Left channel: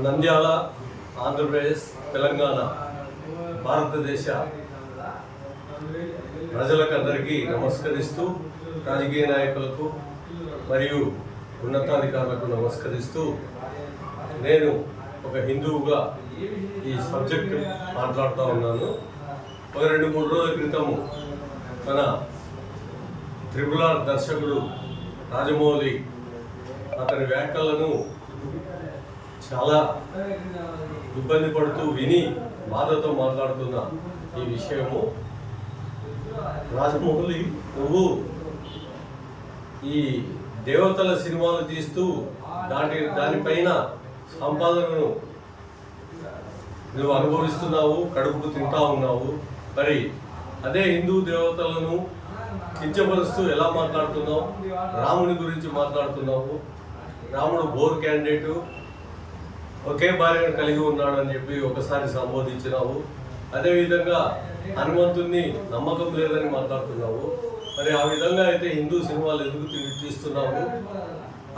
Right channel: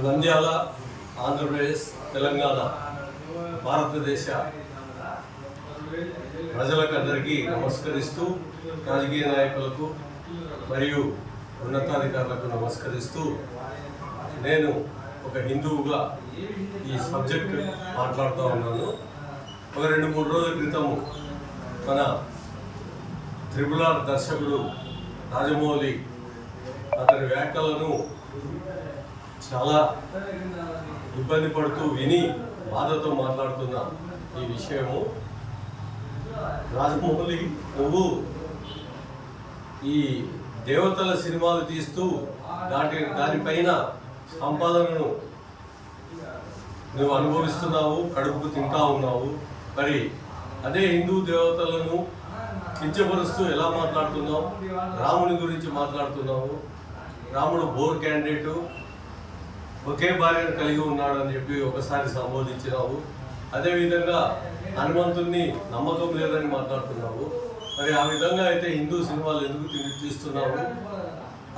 నంద్యాల, ఆంధ్రప్రదేశ్, తెలంగాణ, భారతదేశ ప్రజలకు అందరికీ నమస్కరిస్తూ, రాజకీయ నాయకులకు మరియు ఉన్నతాధికారులకు నమస్కరిస్తూ, నేను ఒక హిందువుగా ఈ సబ్జెక్టు మాట్లాడుతూ ఉన్నాను. ఒక 2-3 రోజుల క్రితము మన త్రిపుల్ దర్శకుడు రాజమౌళి అతని వ్యాఖ్యలను చాలా ఇబ్బంది పడుతూ విని బాధతో మాట్లాడుతున్న ఈ విషయము, రాజమౌళి నువ్వు ఈ దేవతల సినిమాలు తీస్తూ దానిపైన సంపాదనను నువ్వు అనుభవిస్తున్నావు, కడుపుకు తింటా ఉన్నావు. మరి అదే హిందూ దేవతలను కించపరుస్తూ ఎలా మాట్లాడుతున్నావు? రాముని గురించి మాట్లాడుతున్నావు. రాముడు బోర్ క్యాండిడేటు, ఒకే భార్యను కలిగి ఉన్నాడు అని చెప్పి ఒకసారి సంబోధించినావు. అదేవిధంగా హనుమంతుణ్ణి నమ్మకం లేదని మాట్లాడుతున్నావు. మరి ఆ విధంగా అయితే హిందూ సినిమాలు ఎందుకు తీస్తున్నావు?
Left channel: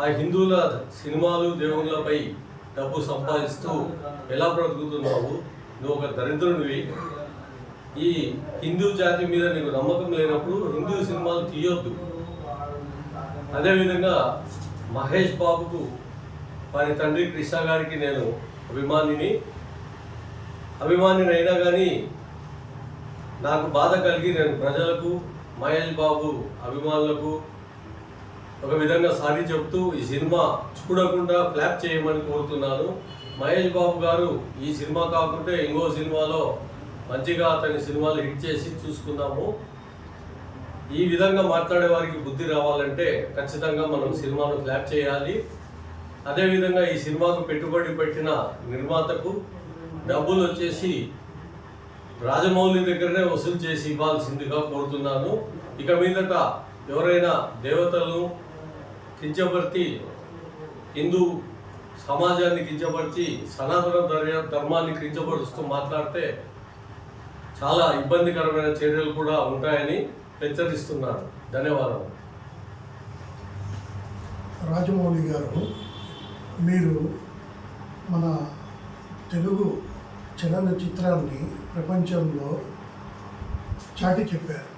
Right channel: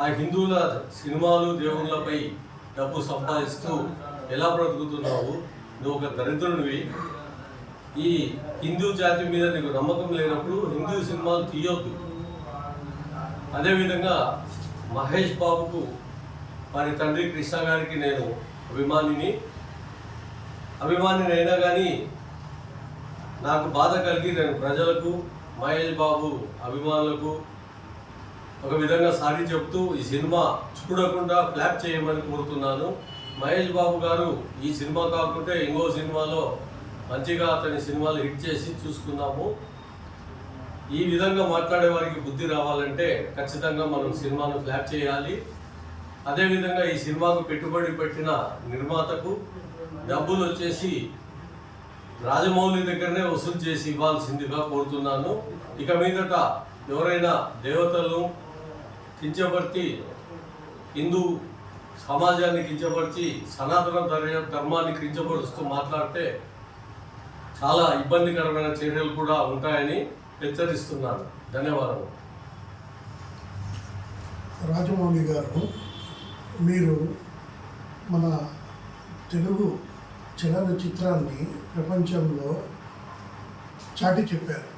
ఆ హిందువుల సినిమాలు దేవుళ్ళపై డబ్బు సంపాదిస్తూ ఎలా బ్రతుకుతున్నావు? నువ్వు ఒక దరిద్రునివి. ఈ హిందూ జాతి మీద నీకు నమ్మకం లేనప్పుడు హిందూ సినిమాలు తీయొద్దు. అదేవిధంగా మహేష్ బాబుకు వారి తండ్రి కృష్ణ గారికి నేను అభిమానిని అయినా కానీ నాకు బాధ కలిగి నేను ప్రజలకు, మహేష్ బాబు అభిమానులకు ఒక విధంగా సారీ చెప్తూ ఈ సినిమా చూడకుండా ఫ్లాప్ చేయమని కోరుతున్నాను. మహేష్ బాబు గారు ఈ సినిమా కాకుంటే ఇంకో సినిమాలో మంచిగా అతని సినిమాలు హిట్ చేసి చూసుకున్నాము. ఈ విధంగా మాట్లాడే వారికి బుద్ధి రావాలంటే ఖచ్చితంగా మనం సినిమాను ఫ్లాప్ చేయాలి. అదేవిధంగా ఈ సినిమాకు పెట్టుబడి పెట్టిన నిర్మాతకు డబ్బులు వచ్చేసి రాజమౌళి దగ్గరనే వసూలు చేసి ఇవ్వాల్సిందిగా కోరుతున్నాను. ఇక మీదట ఎవరైనా దేవతలను కించపరిచి, హిందూ సమాజాన్ని కించపరిచి, సనాతన ధర్మాన్ని కించపరుస్తూ మాట్లాడితే చాలా ఇబ్బందికరమైన చర్యలు కూడా ఉంటాయని హెచ్చరిస్తున్నాను. ధన్యవాదాలు. రాజమౌళి గారు, మీరు మన తెలుగు చలనచిత్రాన్ని ప్రపంచంలో చాటి చెప్పారు.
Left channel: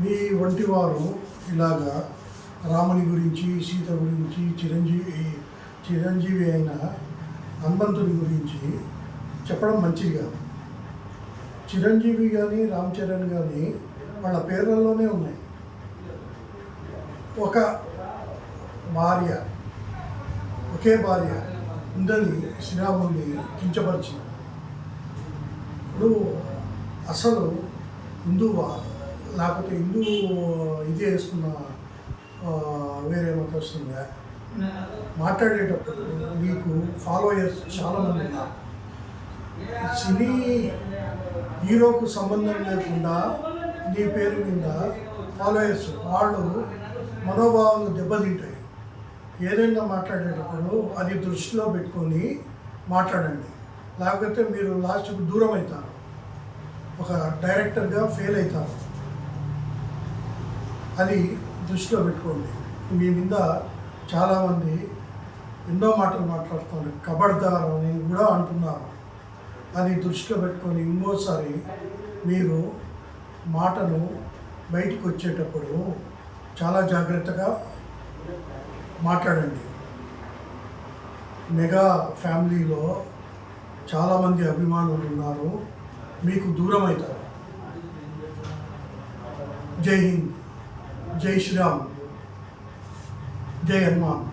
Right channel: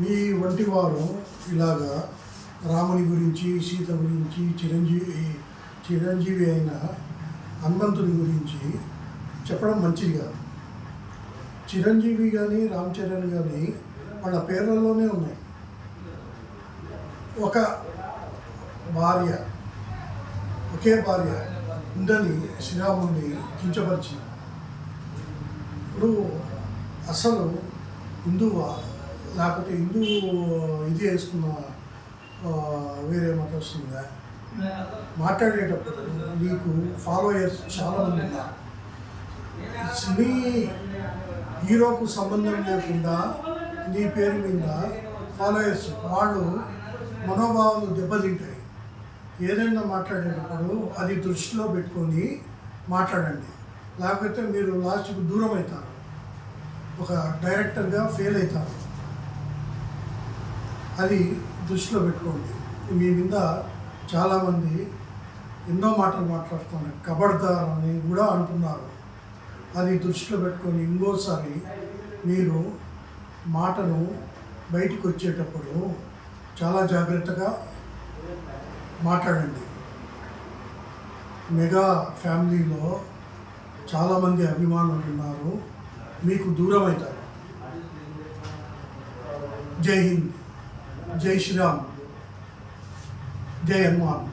మీ వంటి వారు ఇలాగా రాముని గురించి, సీత గురించి, చిరంజీవి అయిన హనుమంతుని గురించి చెప్పడం మంచిది కాదు. చిరంజీవి కానీ, రామ్ చరణ్ కానీ వాళ్ళ పేర్లలోనే ఉన్నాయి. ఒకే భార్య ఉందని శ్రీరాముడిని కించపరిచింది. నువ్వు అసలు హిందువా, లేకపోతే హిందూ ఇది వేసుకున్న వేరే మతస్తుందా? మాట్లాడేటప్పుడు నీకు ఫాలోయర్స్ చాలామంది ఉన్నారు. సినీ హీరోకు సంబంధం లేకుండా నీ పేరు మీద ఫాలోయర్స్, వాళ్ళు మనోభావాలు దెబ్బతింటాయి. ఏదైనా మాట్లాడేటప్పుడు అది దృష్టిలో పెట్టుకొని మాట్లాడండి, లేకపోతే మీరు లాస్ట్కు దూరం అవుతారు, ఒక డైరెక్టర్గా ఫెయిల్ అవుతారు. అది దృష్టిలో పెట్టుకోండి. మీ మీద చాలామంది ఎన్నో మాటలు మాట్లాడుతున్నారు, కబడ్దార్ అని కూడా అంటున్నారు. అది దృష్టిలో పెట్టుకొని ఇంకోసారి మీరు మాటను బయటికి వచ్చేటప్పుడు చాలా జాగ్రత్తగా మాట్లాడండి. మెగా ఫ్యామిలీలో చాలామంది అభిమానులు ఉన్నారు, మీకు దూరం అవుతారు. జై హింద్, జై శ్రీరామ్, జై హనుమాన్.